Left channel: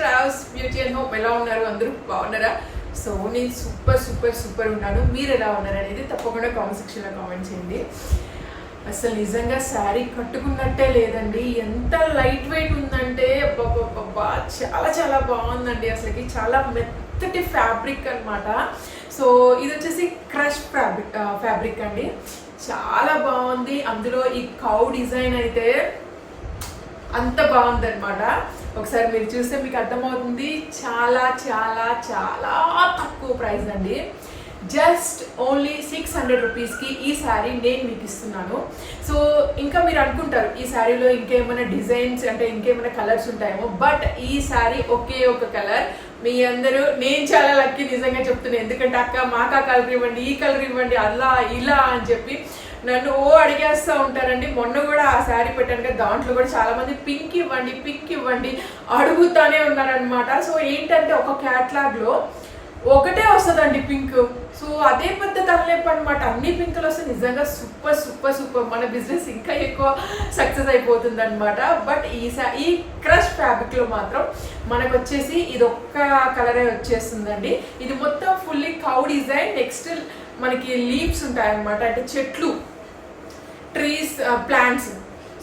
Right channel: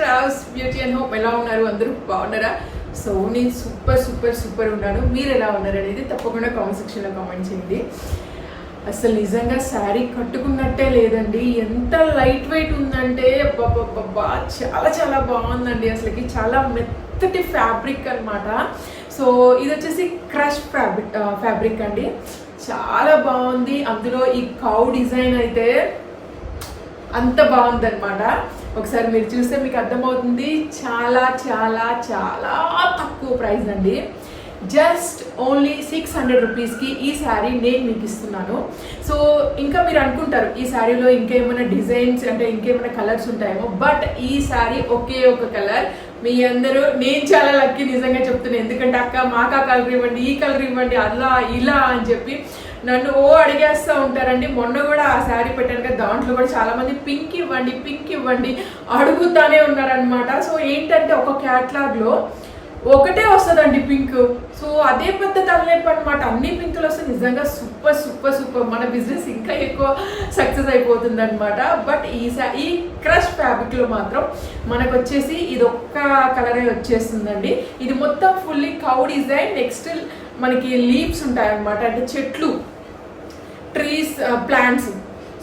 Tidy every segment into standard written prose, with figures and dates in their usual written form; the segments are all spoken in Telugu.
Shravs beauty and home. ఎలా ఉన్నారు అందరూ? బాగున్నారా? సో నేను సూపర్ సూపర్ సూపర్ ఉన్నాను. మీరు ఎలా ఉన్నారు అనేది తప్పకుండా కామెంట్ సెక్షన్లో కామెంట్ చేయండి. అసలు నిజంగా శారీ కట్టుకున్నట్టే లేదండి. ఎంత లైట్ వెయిట్ ఉందంటే అబ్బా చాలా చాలా బాగుందండి. అసలుకి చాలా మెత్తటి ఫ్యాబ్రిక్ అనమాట. సో ఇది వచ్చేసి క్రష్ ఫ్యాబ్రిక్ అండి. చాలా బాగుంది. అందులో ఈ కౌ డిజైన్ అయితే అంత బాగుందన్నమాట. ఒకసారి మీరు చూస్తే మీకు అర్థమవుతుంది. చాలా చాలా చాలా తక్కువ ప్రైస్ అండి. జస్ట్ ఓన్లీ 600 రూపీస్కి ఈ శారీ నేను మీకు ఇస్తున్నాను. సో ఇంకా మీరు అనుకుంటారు ఈ శారీలో ఇంకేమైనా డిజైన్స్ అంటే ఇంకేమైనా కలర్స్ ఉంటాయేమో, బట్ ఈ శారీ ఒకే ఒక కలర్. మీ అందరూ నేను చాలా లక్కీ నిజంగా చెప్తున్నాను. ఎందుకంటే అక్క మాకు ఆ కలర్ ఇవ్వండి, ఈ కలర్ ఇవ్వండి, అలా ఇలా అని చెప్పి నన్ను అడిగేస్తూ ఉంటారండి. మొన్న కూడా ఆ శారీ పెట్టాను కదా, దాంట్లో కూడా చాలామంది పింక్ ఇవ్వండి అడుగుతానే ఉన్నారనమాట. సో ఏంటంటే ఒక క్యాట్లాగ్లో ఒకటే వస్తుందండి పింక్. సో అదే పెద్ద తలనొప్పి అనమాట. అన్ని పింకులు వస్తే నిజంగా సూపర్ సూపర్ సూపర్ మన బిజినెస్ ఇంకా ఎక్కువ సక్సెస్ అయిపోతుంది అనమాట. బట్ ఈ క్రష్ ఫ్యాబ్రిక్లో మాత్రం మనకు వచ్చేసి ఇది ఒక్క కలరే వచ్చేస్తుందండి. ఇది మొత్తం ఫుల్లీ కౌ డిజైన్. నెక్స్ట్ మనకి లీవ్స్ ఉంటాయి అనమాట, అంటే చెట్లు, ట్రీస్, ప్లాంట్స్,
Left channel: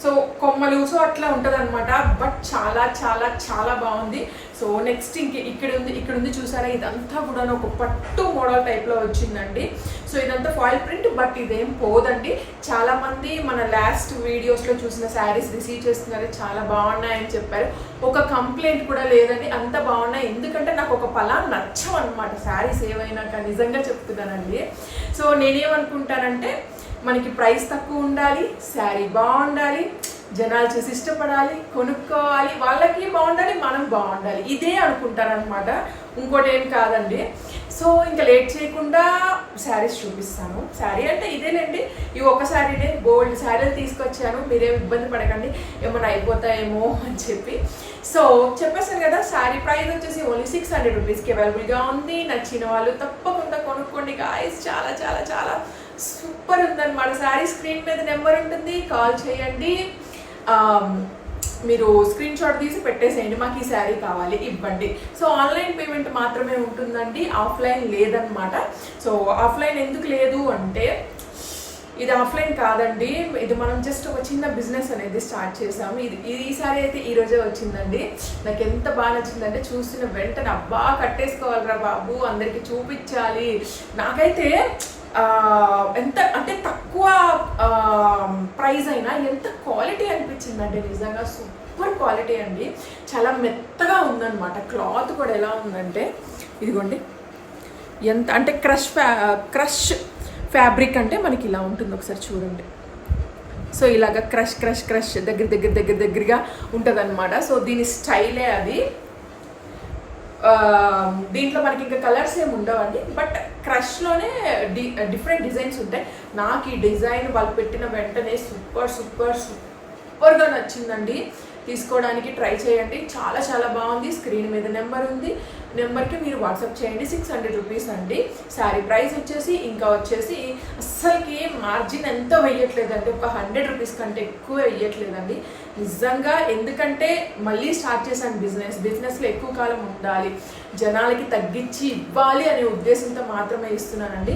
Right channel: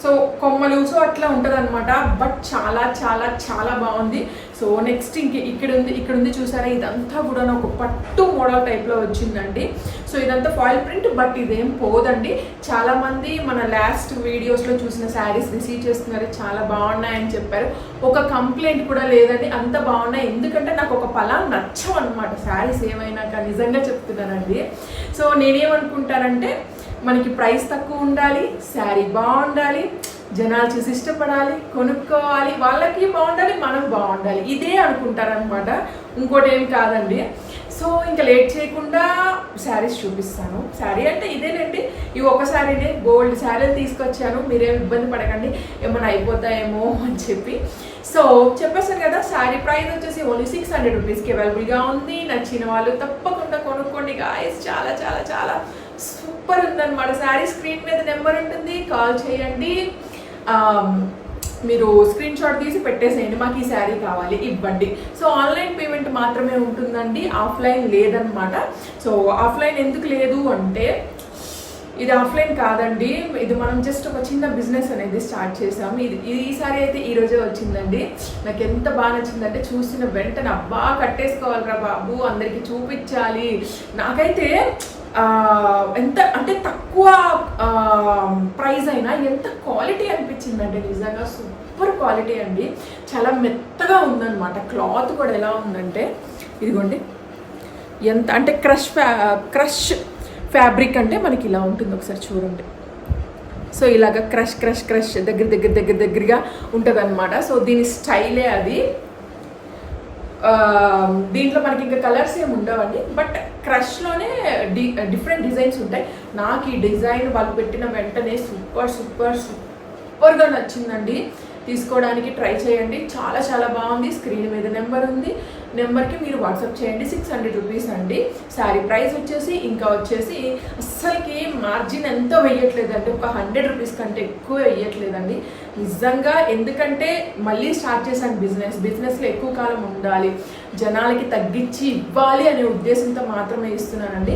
సో కొమ్మలు, సో అట్లా ఉంటుంది అనమాట. బట్ చాలా చాలా చాలా బాగుంది. సో నెక్స్ట్ ఇక్కడ ఉంది చూసారా, ఇదంతా కూడా ఒక పట్టు మోడల్ టైప్లో వచ్చిందండి. సో ఇదంతా ఫాయిల్ ప్రింట్, బట్ ఇదేం పోదండి. చాలామంది మన లాస్ట్ వీడియోస్లో చూసిన శారీస్ రిసీవ్ చేస్తున్నారు, చాలా బాగున్నాయని చెప్పారు. ఒక కంప్లైంట్ కూడా లేదండి, అంత బాగున్నాయి. ఎందుకంటే నాకు ఒక పలాన్ నచ్చవు అనమాట శారీస్ ఏవైనా కానీ, నిజంగా చెప్తున్నానండి. సో నేనేమనుకుంటానంటే మనకి ప్రైస్ తక్కువ ఉండాలి, శారీ బాగుండాలి, జనాలు చూసి ఇష్టపడాలి, కొనుక్కోవాలి, వాళ్ళకి బాగుండాలి, మనం బాగుండాలి, ఇదే అనుకుంటారనమాట. ఇంకోటి ఏం కాదండి. సో ఇంకా లేట్ చేయకుండా శారీస్ చూపిస్తాను. శారీ అంటే ఇదేనండి, ఈ ఒక శారీనే గోల్డ్ శారీలు తీసుకొచ్చాను. మీరేం ఇబ్బంది పడకండి ఏమైనా అయిపోతాయేమో అని చెప్పి. సో చెప్పేసాను కదా, శారీ ప్రైస్ వచ్చేసి ఓన్లీ 600 రూపీస్కి అవైలబుల్గా ఉంది. నచ్చిన వాళ్ళు తప్పకుండా కొనుక్కోండి గాయస్. చాలా చాలా చాలా సూపర్ ఉందన్నమాట. శారీ స్క్రీన్ మీద నెంబర్ ఉంటుంది, కాల్ చేయండి. మీరు స్క్రీన్ షాట్ తీసి పెట్టేసేయండి, మాకు ఈ శారీ కావాలి ఇవ్వండి. సో ఆన్లైన్ పేమెంట్ మాత్రమే ఉంటుందండి, ఆఫ్లైన్ లేదనమాట. సో ఆఫ్లైన్ ఎందుకు లేదు అంటే, ఇది ఆఫ్లైన్ కాదండి, ఇది మనం జస్ట్ ఒక చిన్న బిజినెస్ అనేది స్టార్ట్ చేసాము. ఈ సారీ అయితే ఈరోజే వచ్చిందండి. నాకు ఎంత బాగా నచ్చిందంటే చూసిన వెంటనే అబ్బా కట్టేసుకోవాలిరా బాబు, అందరికీ చూపించాలి. నాకైతే ఎంత అంటే తక్కువ ప్రైస్ అయినా ఎంత క్వాలిటీ అనిపించిందంటే నిజంగా సూపర్ క్వాలిటీ అండి. చాలా మెత్తగా ఉందన్నమాట. క్లాత్ కూడా ఎలా ఉందంటే ఇదిగోండి, ఎంత అంటే క్రష్ ఫ్యాబ్రిక్ అంటే మనకి ఇలా ఉంటుంది, ఒకసారి చూడండి. సో ఇలాగ క్రష్ దగ్గరగా ఉంటుంది అనమాట. సో దీని స్టైలే అది. దీంట్లో మనకి ఇంకా కలర్స్ ఏమి ఉండవండి, బట్ క్రష్లోనే డిఫరెంట్ డిజైన్స్ ఉంటాయి. నాకు ఈ డిజైన్ వాళ్ళు పెట్టిన వెంటనే సూపర్గా నచ్చిందండి. తీసుకోవడానికి ట్రై చేయండి, చాలా చాలా బాగుంది. స్క్రీన్ మీద నెంబర్ ఉంది, నెంబర్కి మీరు వాట్సాప్ చేయండి. 600 రూపీస్ అండి శారీ ప్రైస్ వచ్చేసి. ఇంకా వచ్చేసి అస్సలకి మార్జిన్ ఎంతో వెయ్యట్లేదండి, ఒక 100 రూపీస్ కంటే ఎక్కువ వెయ్యట్లేదండి నిజంగా. ఎందుకంటే మళ్ళీ స్టార్ట్ చేశాను బిజినెస్లో ఎక్కువ కాలం ఉండాలి, జనాలకి తగ్గించి ఇవ్వాలి అనే ఉద్దేశంతో మాత్రమే ఇస్తున్నానండి.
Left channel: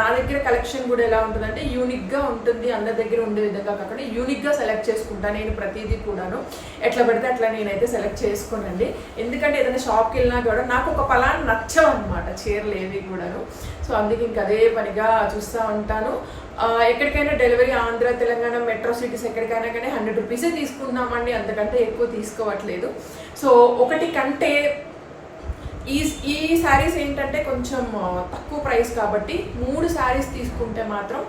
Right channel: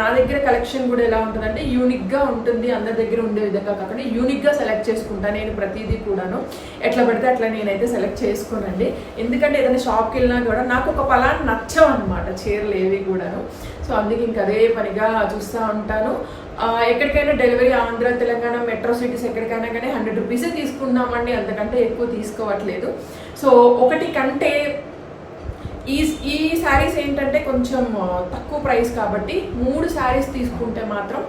నా దగ్గర కలెక్షన్ కూడా ఎలా ఉంటుందంటే యూనిక్గా ఉంటుంది, అందరి దగ్గర ఉండే విధంగా కాకుండా యూనిక్గా సెలెక్ట్ చేసుకుంటాను నేను ప్రతిదీ కూడాను. ఎట్లా పడితే అట్లా నేనైతే సెలెక్ట్ చేసుకోనండి. ఎందుకంటే ఏదైనా షాప్కి వెళ్ళినా కూడా నాకు ఒక పలానా నచ్చవు అనమాట చీరలు ఏవి కూడాను. సో అందుకే ఇంక అదే పనిగా చూస్తూ ఉంటాను. ఎక్కడికైనా delivery Andhra, Telangana metro cities ఎక్కడికైనా కానీ 100 రూపీసే తీసుకుంటున్నామండి, అంతకంటే ఎక్కువ తీసుకోవట్లేదు. సో ఒకటి కంటే ఈ శారీస్ ఏంటంటే కొంచెం తక్కువ ప్రైస్ కాబట్టి 3 శారీస్ తీసుకుంటే మాత్రం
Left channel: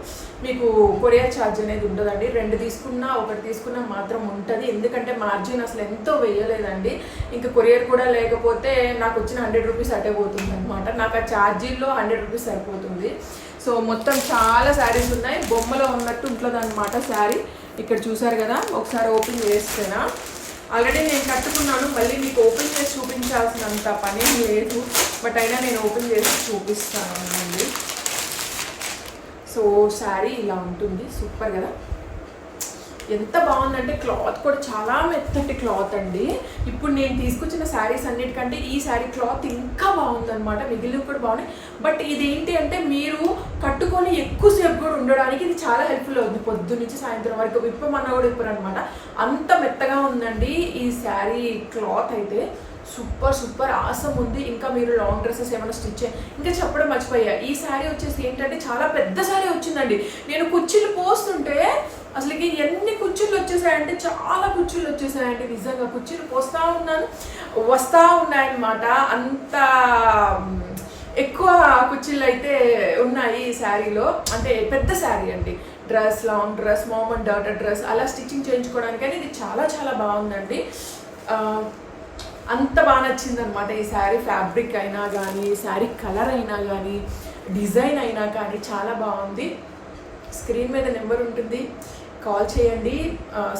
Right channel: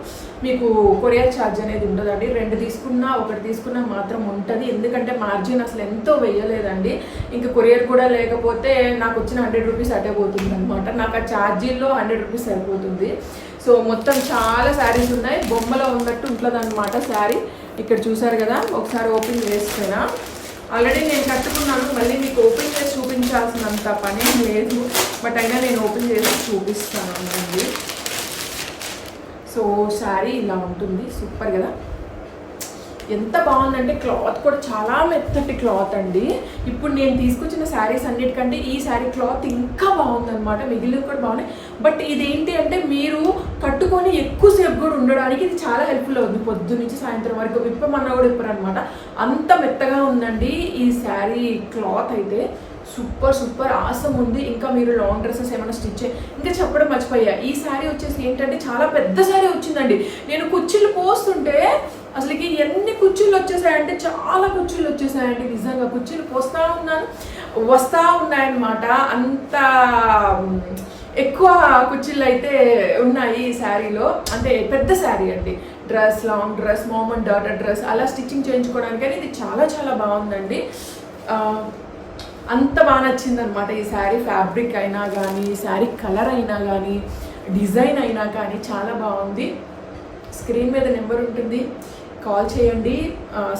మీకు కొరియర్ ఛార్జ్ అనేది ఉండదండి. 2 తీసుకున్నా 1 తీసుకున్నా మాత్రం ఉంటుంది. ఎందుకంటే మార్జిన్ అసలు ఎంతో వెయ్యలేదండి. ఇంకా కొరియర్ కూడా లేకపోతే నాకు వచ్చిన 100 రూపీస్ అటే పోతుంది అనమాట. నాకు ఆ ఛార్జీల్లో 100 రూపీస్ సరిపోతుంది. సో మొత్తం చాలా శారీస్ ఉన్నాయి, బొమ్మలో ఉన్నట్టు ఉంటుంది అనమాట శారీ. ఇక్కడ చూసారు కదా, ఒకసారి ఓపెన్ చేస్తేనా ఆల్రెడీ నేను కట్టుకున్నాను, మళ్ళీ మీకు ఓపెన్ చేసి చూపించాల్సినంత పని లేదు, బట్ అయినా నేను ఓపెన్ చేసి చూపిస్తాను అండి. సో శారీ ఇలా ఉంటుంది, సూపర్ కదా. ఎంత బాగుందంటే క్లాత్ కూడా చాలా మెత్తటి క్లాత్ అండి. ఇప్పుడు నేను తీసుకొచ్చిన శారీస్ అన్నిటికంటే ఈ శారీ క్లాత్ ఇంకా బాగుందన్నమాట. మిగిలినవి కూడా బాగున్నాయి. బట్ ఇదేంటి అంటే మీరు కట్టుకొని ఎక్కువసేపు కూడా ఉండడానికి ఇది చాలా హెల్ప్ఫుల్ అవుతుంది. పొద్దు నుంచి సాయంత్రం వరకు విప్పమన్నా కూడా విప్పరు అనమాట. అంత మెత్తగా ఉందండి ఈ శారీ క్లాత్ అయితే. సూపర్ ఆసం ఉంది. ఇంకా మీరు లాంగ్ డ్రెస్సెస్ ఏమైనా స్టిచ్ ఇంకా చెప్పడం మర్చిపోయా, ఈ శారీ వచ్చేసి ఏంటంటే చాలా పెద్ద శారీ వచ్చిందండి. నేను కుర్చీలు పోస్తుంటే అసలుకి ఎన్ని కుర్చీలు వచ్చేసాయంటే చాలా కుర్చీలు వచ్చేసాయండి. నిజంగా కుర్చీలు పోస్తూ ఉన్నాను, వస్తూ ఉన్నాయన్నమాట. అంత ఎక్కువ కుర్చీలు అయితే ఉన్నాయి ఈ శారీలో. అంటే పెద్ద శారీ అండి. Dress, long dress, mom and daughter dress అలా స్టిచ్చింగ్ చేయించుకోవడానికి అని ఇది చాలా చాలా బాగుందండి. అంత బాగా నచ్చింది అనమాట ఈ శారీ. ఫ్యాబ్రిక్ అయినా కానీ, శారీ కలర్ అయినా కానీ, డిజైన్ అయినా కానీ చాలా బాగుంది. స్క్రీన్ మీద నెంబర్ ఉంటుంది, కాల్ చేయండి.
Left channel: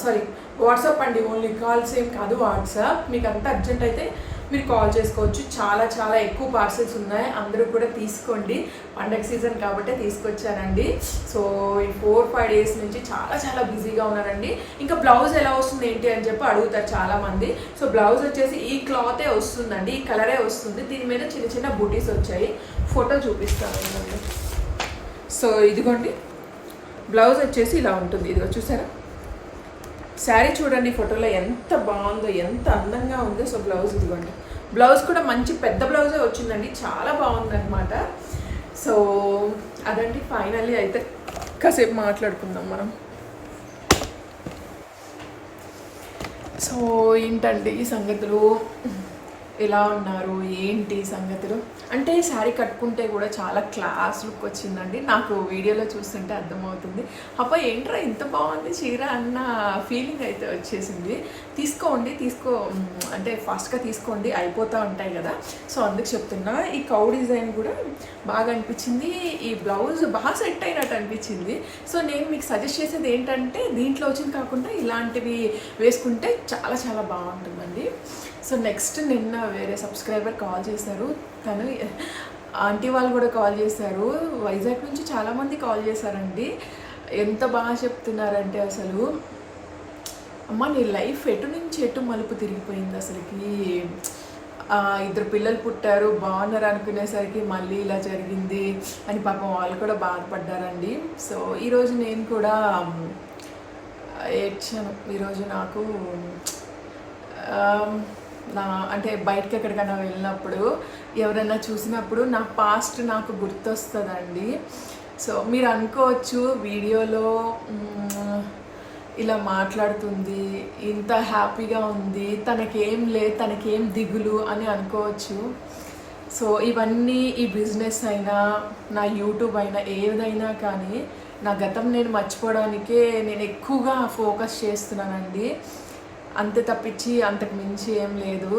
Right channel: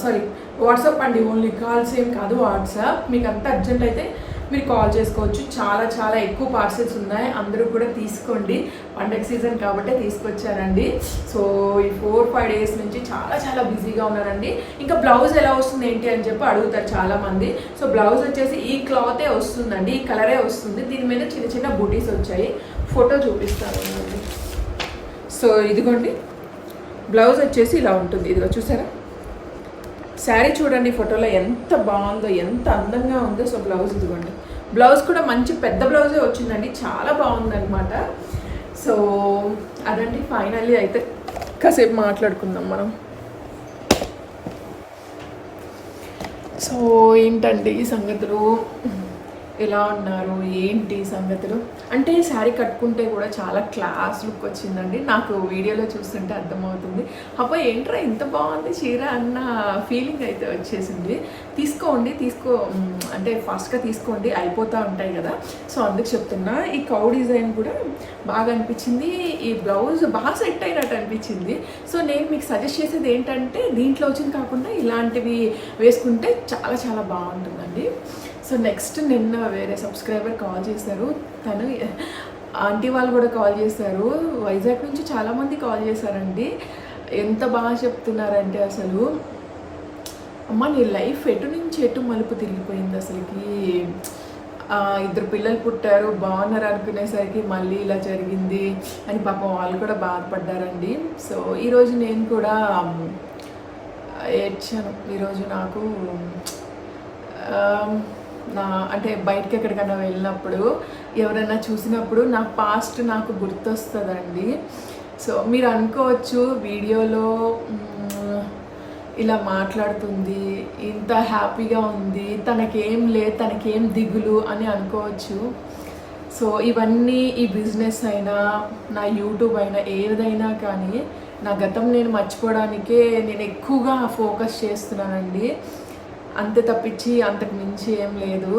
సారీ, వాట్సాప్ అండి. ఓన్లీ కాల్స్ ఏం కాదు, వాట్సాప్. మీకు అంత అర్జెంట్ అయితే మీరు కాల్ చేసుకోవచ్చు. చాలా చాలా ఎక్కువ పార్సెల్స్ ఉన్నాయి, అందరూ కూడా తీసుకోండి. పండగ సీజన్ కాబట్టే తీసుకొచ్చానండి. సో ఈ 4-5 డేస్ నుంచి చాలా చాలా బిజీగా ఉన్నానండి. ఇంకా బ్లౌజ్ ఎలా వస్తుంది ఏంటి అని చెప్పి అడుగుతారు చాలామంది. సో బ్లౌజ్ వచ్చేసి ఈ క్లాతే వస్తుందండి, ఈ కలరే వస్తుంది. దీని మీద చిన్న చిన్న బూటీస్ వచ్చాయి, ఫోటో చూపిస్తాను అండి. సో ఇదిగోండి బ్లౌజ్ వచ్చేసి ఇలా ఉంటుంది. ఇదిగో చూసారా, శారీ చూడండి ఫోటోలో ఎంత బాగుందో, ఎంత అందంగా ఉందో. సో బ్లౌజ్ ఇదిగోండి, బ్లౌజ్ కూడా మంచి పెద్ద బ్లౌజే వచ్చిందండి, చాలా బాగుందన్నమాట. సో అదండి, ఫైనల్లీ అయితే కాసేపు మాట్లాడుకుందాం మనం. సో ఏంటండి ఈ సంగతులు, ఎలా ఉన్నారు, ఏంటి సంగతులు అంటే శారీ కట్టుకుంటే కూడా చాలా క్లాస్ లుక్ వచ్చిందండి. నాకు వీడియోలో చూస్తుంటే అర్థమవుతుంది. అబ్బా ఏంట్రా ఇంత బాగుంది చీర అన్న ఫీలింగ్ అయితే వచ్చేసింది. తీసుకోండి, అంటే ఫాస్ట్గా తీసుకోండి, అయిపోతూ ఉంటాయి కదా. సో అందుకు చెప్తున్నా. ఈ కౌ డిజైన్ కూడా బాగా అనిపించింది, ఈ బ్లౌజ్ బాగా సెట్ అయినట్టు అనిపించింది. సో నేను మీకు సజెస్ట్ చేసేది ఏంటంటే దీంట్లో వచ్చింది కాకుండా ఇలాంటివి వేసుకుంటే చాలా చాలా బాగుంటుందండి. సో నెక్స్ట్ నిన్న వేరే సబ్స్క్రైబర్ కాల్ చేశారు. తను ఆంటీ వాళ్ళు కూడా కాల్ చేశారు, వైజాగ్ నుంచి చాలామంది కాల్ చేశారండి. ఎంత బాగా చెప్తున్నారంటే అసలు, అమ్మ నీ లైఫ్ ఎటు నుంచి ఎటు మలుపు తిరిగిపోయింది అసలుకి. 2 పిల్లలు పుట్టారు, బాగున్నారు అనుకునేసరికి మళ్ళీ ఇలా జరిగింది అని పాపం వాళ్ళు కూడా బాధపడ్డారండి. సో ఈరోజు నేను కూడా ఏడ్చాను. ఈరోజు నాకు అంటే బయటకి ఎక్కడికైనా వెళ్ళినప్పుడు ఎవరైనా చూసినప్పుడు నా పాస్ట్ నాకు గుర్తొస్తుందండి. సో మీరు అనుకోవచ్చు వీడియోలో ఇలా మాట్లాడుతుంది, ఇంత హ్యాపీగా ఉంది, తనకేం దిగులు అని అనుకోవచ్చు. సో ఇవన్నీ, ఈ బిజినెస్ అయినా నా యూట్యూబ్ అయినా ఏదైనా కానీ నా గతం నేను మర్చిపోవడానికే నేను ఎక్కువగా ఫోకస్ చేస్తున్నానండి. అంతే తప్పించి అంతకు మించి ఏం లేదు.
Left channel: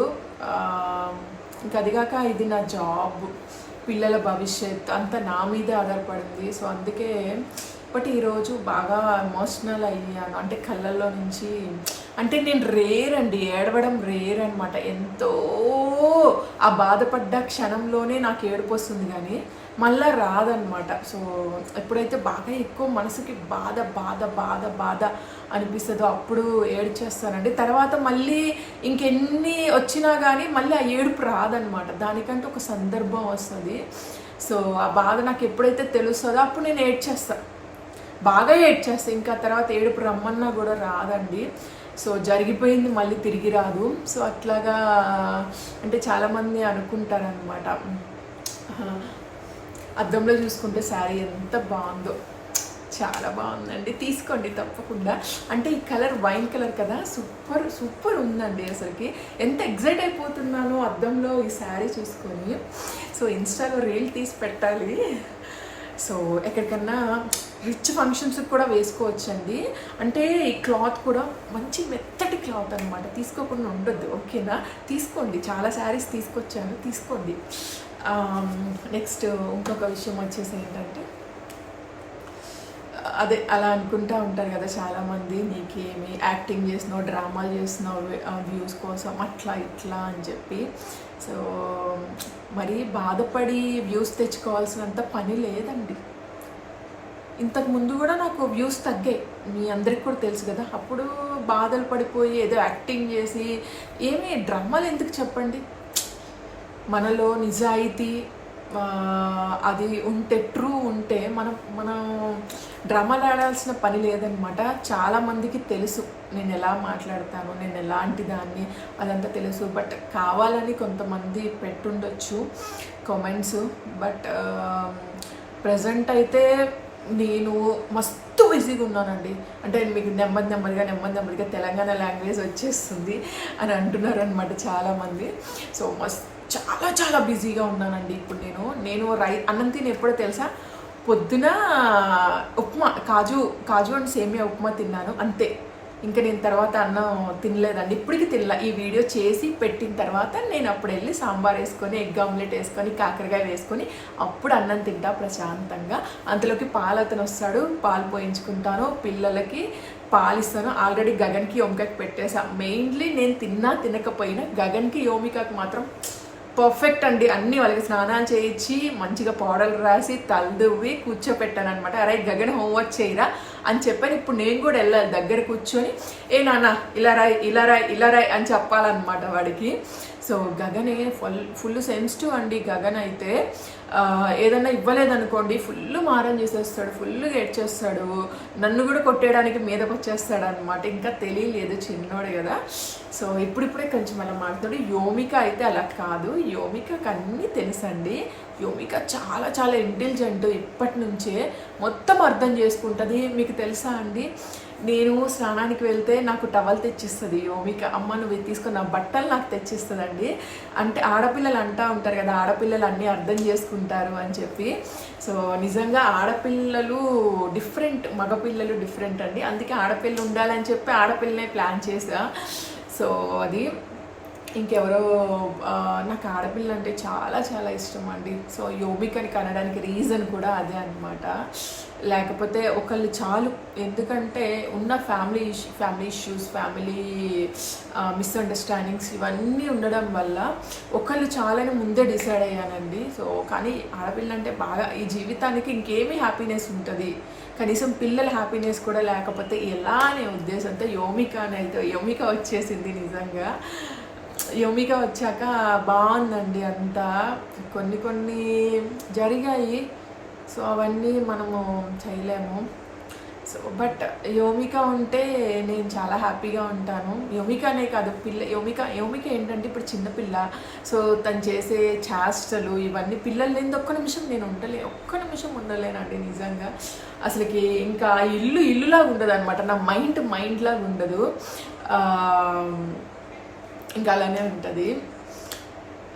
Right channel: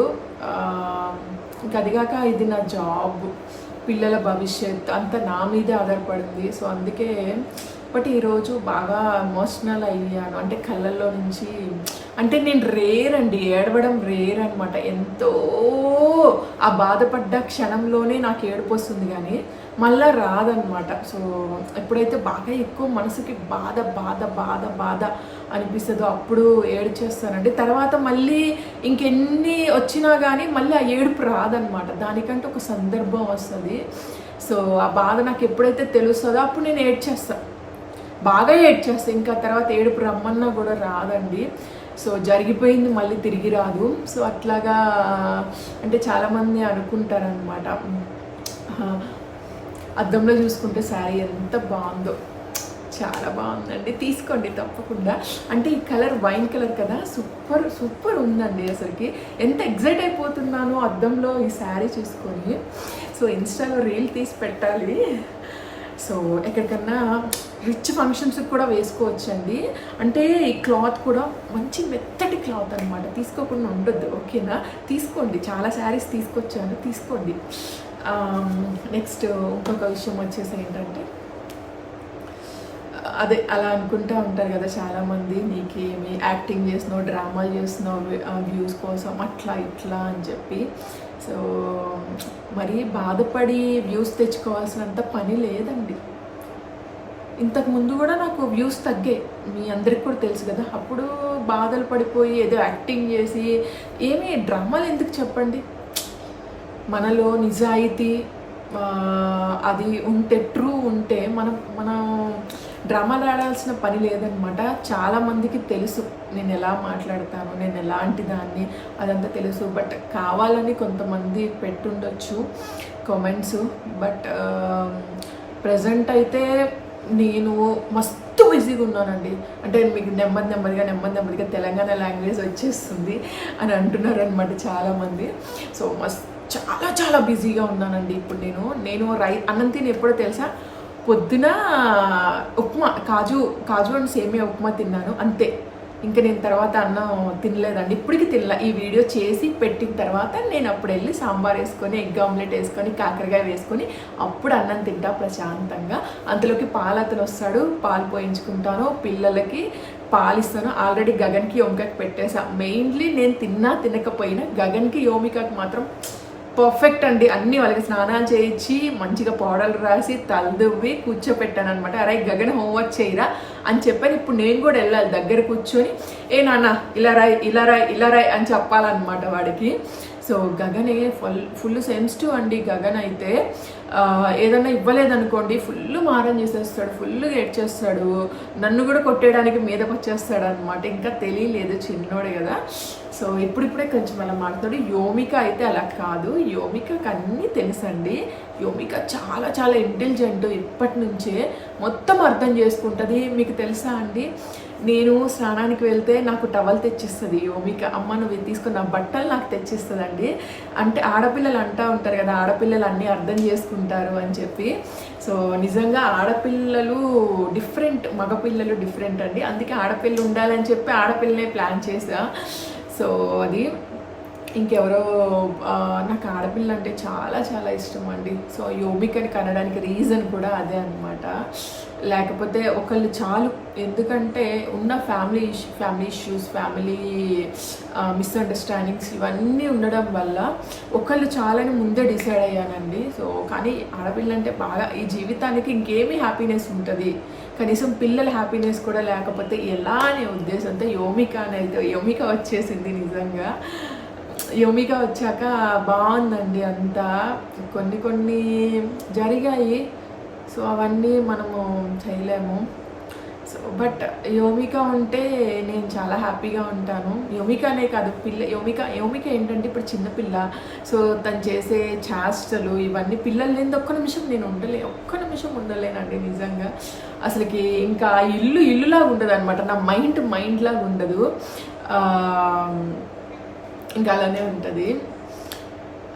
ఇంకా అదిగాక ఇది నా జాబ్, పిల్లల భవిష్యత్ అంతా నా మీదే ఆధారపడింది. సో అందుకే బట్ ఈరోజు బాగా ఎమోషనల్ అయ్యాను. అంటే కళ్ళల్లో నుంచి, అంటే నేను ఏడవడం రేర్ అనమాట. ఎంతో ఆ బాధపడ్డ క్షణంలోనే నాకు ఏడుపు వస్తుంది కానీ మళ్ళీ రాదనమాట. సో ఎప్పుడైతే బాగా ఎక్కువ మనసుకి బాధ బాధ బాధ బాధ అనిపిస్తుందో అప్పుడు ఏడ్చేస్తానండి. తర్వాత మళ్ళీ ఇంకెన్ని వచ్చినా కానీ మళ్ళీ ఆ ఏడుపు రాదనమాట. దానికంటే ఒక సందర్భం వస్తుంది. సో ఆ బాధ నాకు ఎప్పుడైతే తెలుస్తుందో అప్పుడు నేను బాగా ఏడ్చేస్తాను. ఇంకా తర్వాత ఏడుపు రమ్మన్నా కూడా రాదండి. సో జరిగిపోయింది మళ్ళీ తిరిగి రాదు. సో అట్లాగా అంటే చాలామంది అనుకుంటారనమాట, అద్దంలో చూసుకుంటే శారీ ఎంత బాగుందో. చాలా బాగుందండి, తీసుకోండి తప్పకుండా. అంటే ఈ కలర్ వైన్ కలర్ కదా, సూపర్ ఉందండి. అసలుకి ఎంత ఎగ్జైట్ అయిపోతున్నానో అద్దంలో ఈ శారీ చూసుకొని. సో ఇన్స్టాలో రీల్ తీసి పెట్టాలి. సో ఎక్కడికన్నా రిచ్ ఫంక్షన్స్కి కూడా వేసుకోవచ్చండి. అంటే ఈ క్లాత్ కూడా మంచి మెత్తటి క్లాత్ అనమాట, తీసుకోకుండా ఉండొద్దు. ఓకేనా, తీసుకోండి. చాలా శారీస్ తీసుకొచ్చాను, తీసుకోండి. నెక్స్ట్ ఇంకొక విషయం వచ్చేసి ఏంటంటే, అదే అలా అనుకుంటూ ఉంటారు కదా చాలామంది, నీకేమి యాక్టింగ్ చేస్తున్నావు, డ్రామాలు చేస్తున్నావు వ్యూస్ కోసం అట్లా ఇట్లా అని చెప్పి. సో మరి బాధపడి వ్యూస్ తెచ్చుకోవాల్సినంత పని లేదండి. ఇంతకు ముందు కూడా నాకు వ్యూస్ తగ్గాయి, మీ అందరికి కూడా తెలుసు కదా. అప్పుడు బాధలు పడిపోయి ఏదో యాక్టింగ్ చేసి ఏమీ డ్రామాలు ఎందుకు చెప్పండి, మనలో నిజాయితీ అది ఉంటే, ట్రూ ఉంటే మనం డ్రామాలు ఆడాల్సిన పని లేదనమాట. చాలామందికి తెలుసు నేను ఎలా మాట్లాడతాను, నేను ఎలాంటి దాన్ని, అదంతా తెలుసు. బట్ కావాలని కొంతమంది పెట్టుండొచ్చు కామెంట్స్. బట్ ప్రజెంట్ అయితే నేను మస్తు బిజీగా ఉన్నానండి. అంటే మీకు నెమ్మదిగా తెలంగాణ లాంగ్వేజ్ వచ్చేస్తుంది అని అంటున్నారు అనమాట చాలామంది. సో చాలా బిజీగా ఉన్నానండి ఇప్పుడు. నేను అన్నం తిని ఎప్పుడో తెలుసా, పొద్దున ఉప్మా, కాజు అండ్ సేమియా ఉప్మా తిన్నాను అంతే. ఇంకా నేను తర్వాత అన్నం తినలేదండి, ఇప్పటికి తినలే. ఈ వీడియో చేసి పెట్టిన తర్వాత నేను అప్పుడు వెళ్ళి సాంబార్ వేసుకొని, ఎగ్ ఆమ్లెట్ వేసుకొని, కాకరకాయ వేసుకొని అప్పుడు అన్నం తింటా ప్రశాంతంగా. అంతలోకి పాలు అతను వస్తాడు, పాలు పోయించుకుంటాను, పిల్లలకి పాలు ఇస్తాను. ఆల్రెడీ గగన్కి యోమికకి పెట్టేసా. మెయిన్లీ నేను తినకపోయినా గగన్కి యోమికకి మాత్రం పర్ఫెక్ట్ అండి. అన్నీ వాళ్ళకి స్నానాలు చేయించి మంచిగా పౌడర్లు రాసి తలదువ్వి కూర్చోపెట్టాను అనమాట. అరే గగన్ హోంవర్క్ చేయరా అని చెప్పాను. ఇప్పుడు నేను కూడా వెళ్ళాలి దగ్గర కూర్చొని, ఏ నాన్న ఇలా రాయ్ అని చెప్పాలన్నమాట వాడికి. సో గగనే ఫుల్ సెన్సిటివ్ అండి. గగన్ అయితే ఏదన్నా ఇవ్వలేదనుకోండి ఫుల్ మారం చేసేస్తాడు, ఫుల్గా ఏడ్చేస్తాడు, నన్ను కూడా కొట్టేయడానికి మీదకి వచ్చేస్తాడు అనమాట. ఇంకా తెలియలేదు, చిన్నోడు కదా. సో ఇప్పుడిప్పుడే కొంచెం అలా మాట్లాడు. యోమిక అయితే అలా కాదు, యోమికకి అన్నీ తెలుసండి. యోమిక చాలా ఇంటెలిజెంట్. ఇప్పటి నుంచే మొత్తం అర్థం చేసుకుంటుంది. మీకు తెలుసా అండి, నేను స్నానానికి వెళ్తే నాకు టవల్ తెచ్చిస్తుంది యోమిక. అమ్మ నువ్వు తీసుకున్న నా బట్టలు నాకు తెచ్చిస్తుందండి. అంటే ఆడపిల్లలు అంటూ ఉంటారు కదా, ఆడపిల్లలు అన్నీ అర్థం చేసుకుంటారు అని చెప్పి. సో నిజంగా ఆడపిల్లలు డిఫరెంట్, మగపిల్లలు డిఫరెంట్ అండి. అందుకే ఆడపిల్ల ఉండాలని చెప్పి ఆడపిల్లనే ప్లాన్ చేసా. సో అది ఇంకెవరో, నాకు ఆడపిల్ల అంటే చాలా ఇష్టం అండి. సో యోమికని కనడానికి రీజన్ కూడా అదే అనమాట. లేకపోతే ఒకళ్ళు చాలు. ఎందుకంటే ఉన్న ఫ్యామిలీ ఇష్యూస్, ఫ్యామిలీ మిస్అండర్స్టాండింగ్స్ ఇవన్నీ ఉండడం వల్ల ఒకళ్ళు చాలని ముందే డిసైడ్ అయ్యానండి. సో కానీ ఆడపిల్ల అంటే బాగా ఈ జీవితానికి ఇంకేమీ హ్యాపీనెస్ ఉంటుంది, కనీసం పిల్లల హ్యాపీనెస్ కూడా లేకపోతే ఎలా అనే ఉద్దేశంతో యోమిక వచ్చేసింది. నిజంగా యోమిక వచ్చాక బాగుందండి అంతా. కొన్ని జరిగాయి, సో అవన్నీ మనము చేయలేము. సో బట్ యోమిక ఉంటే నేను చాలా హ్యాపీగా ఉంటాను. యోమిక అనే కాదు, యోమిక ఏంటంటే ఇప్పుడు చిన్నపిల్ల. సో తను చేసే చేష్టలు ఇవన్నీ పిల్లలు లేని ఒక్క నిమిషం ఉండలేనండి నిజంగా. అసలుకి ఇంకా ఇల్లులాగా ఉండదు అనమాట. నా మైండ్ లాగా ఉండదు, ఇంకా అలానే ఉంటుంది.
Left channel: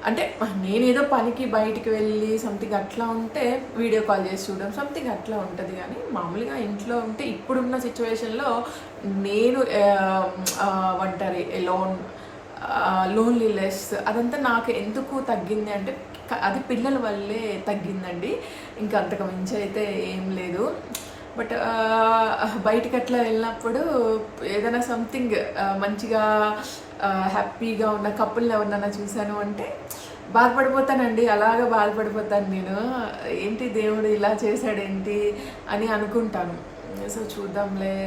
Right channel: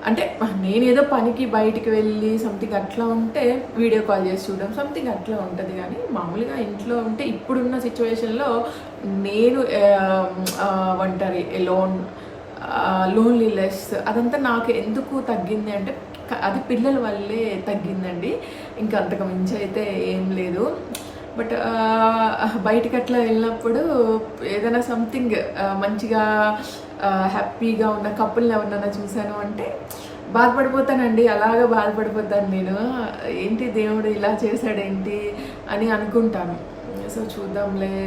అంటే నేనేదో పనికి బయటికి వెళ్ళి సంథింగ్ అట్లా ఉంటే వీడియో కాల్ చేసి చూడడం సంథింగ్ అట్లా ఉంటుంది. కానీ మామూలుగా ఇంట్లో ఉంటే ఇప్పుడున్న సిచ్యువేషన్లో నేను ఒంటరి, లోన్లీనెస్ అదంతా నాకు ఎందుకు తగ్గింది అంటే అది పిల్లల వల్లే తగ్గిందండి. ఇంకా అంతకు మించి అయితే ఏం లేదు. బట్ బయటికి అట్లా వెళ్ళినప్పుడు ఏదైనా సంథింగ్ మంచిగా హ్యాపీగా ఉన్న కపుల్ని ఎవరినైనా చూశాను అంటే బాధపడిపోతానండి. అలాగా బాధపడిపోతాను నేను. ఏంటి దేవుడు ఇలా చేశాడేంటి అని అనుకుంటాను. సో చూద్దాంలే,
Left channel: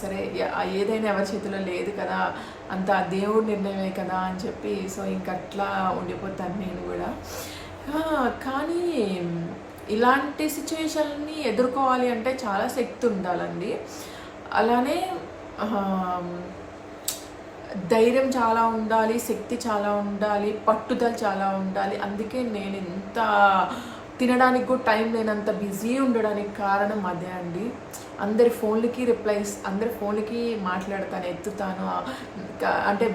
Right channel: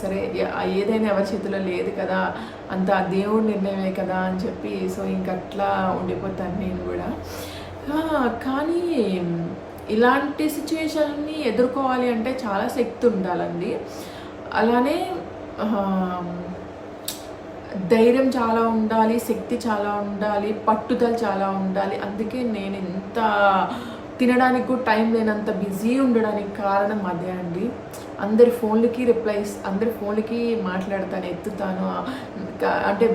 సరే ఏదైనా ఎవరి చేతిలో లేదు కదా, అంత దేవుడి నిర్ణయమే కదా అని చెప్పి సో ఇంకట్లా ఉండిపోతాను నేను కూడా. కానీ ఇలాంటి సిచ్యువేషన్ని ఎదుర్కోవాలి అంటే చాలా శక్తి ఉండాలండి. అలానే ధైర్యం చాలా ఉండాలి, శక్తి చాలా ఉండాలి, పట్టుదల చాలా ఉండాలి. అందుకే నేను ఇంత తినడానికి కూడా టైం లేనంత బిజీ ఉండడానికి కారణం అదే అండి. అందరి ఫోన్లకి మాట్లాడతాను, ఎత్తుతాను. అంటే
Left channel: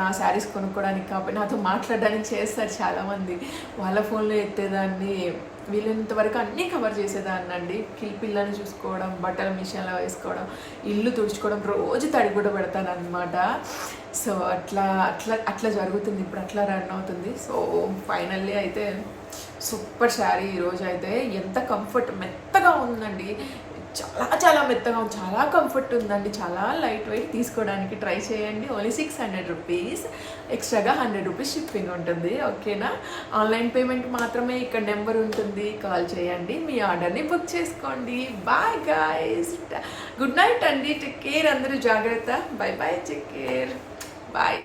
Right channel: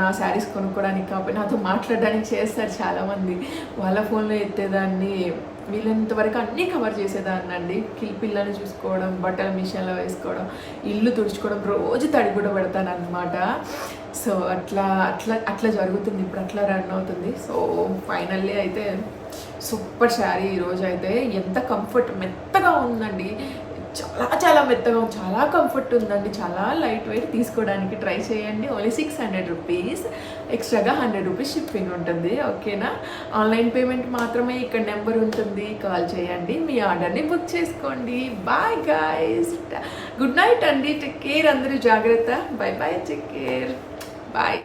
నా శారీస్ కొనుక్కోవడానికి కాకపోతే నాతో మాట్లాడడానికి చేస్తారు చాలామంది. వాళ్ళ ఫోన్లో ఎత్తేదాన్ని, వీళ్ళంత వరకు అన్నీ కవర్ చేసేదాన్ని అండి. పిల్లని చూసుకోవడం, బట్టల మిషన్లో వేసుకోవడం, ఇల్లు తుడుచుకోవడం, రోజు తడి కూడా పెడతాను అనమాట. సో అట్లా జరుగుతుంది, ఇప్పుడు అట్లా రన్ అవుతుంది. సో ఫైనల్లీ అయితే సూపర్ శారీ ఈరోజు అయితే ఎంత కంఫర్ట్, మెత్తగా ఉందండి. చాలా చాలా మెత్తగా ఉంది, చాలా కంఫర్ట్ ఉందండి, చాలా లైట్ వెయిట్. తీసుకోవడానికి ట్రై చేయండి. ఓన్లీ 600 రూపీస్, ఎక్స్ట్రాగా 100 రూపీస్ షిప్పింగ్ ఉంటుంది. ఓకేనా? ఆన్లైన్ పేమెంట్ మాత్రమే. ఇక్కడ నెంబర్ ఉంటుంది, కాల్ చేయండి, మీ ఆర్డర్ని బుక్ చేసుకోండి. బాయ్ గాయ్స్, గుడ్ నైట్ అండి, టేక్ కేర్, అందరూ జాగ్రత్త. Bye bye, take care, bye.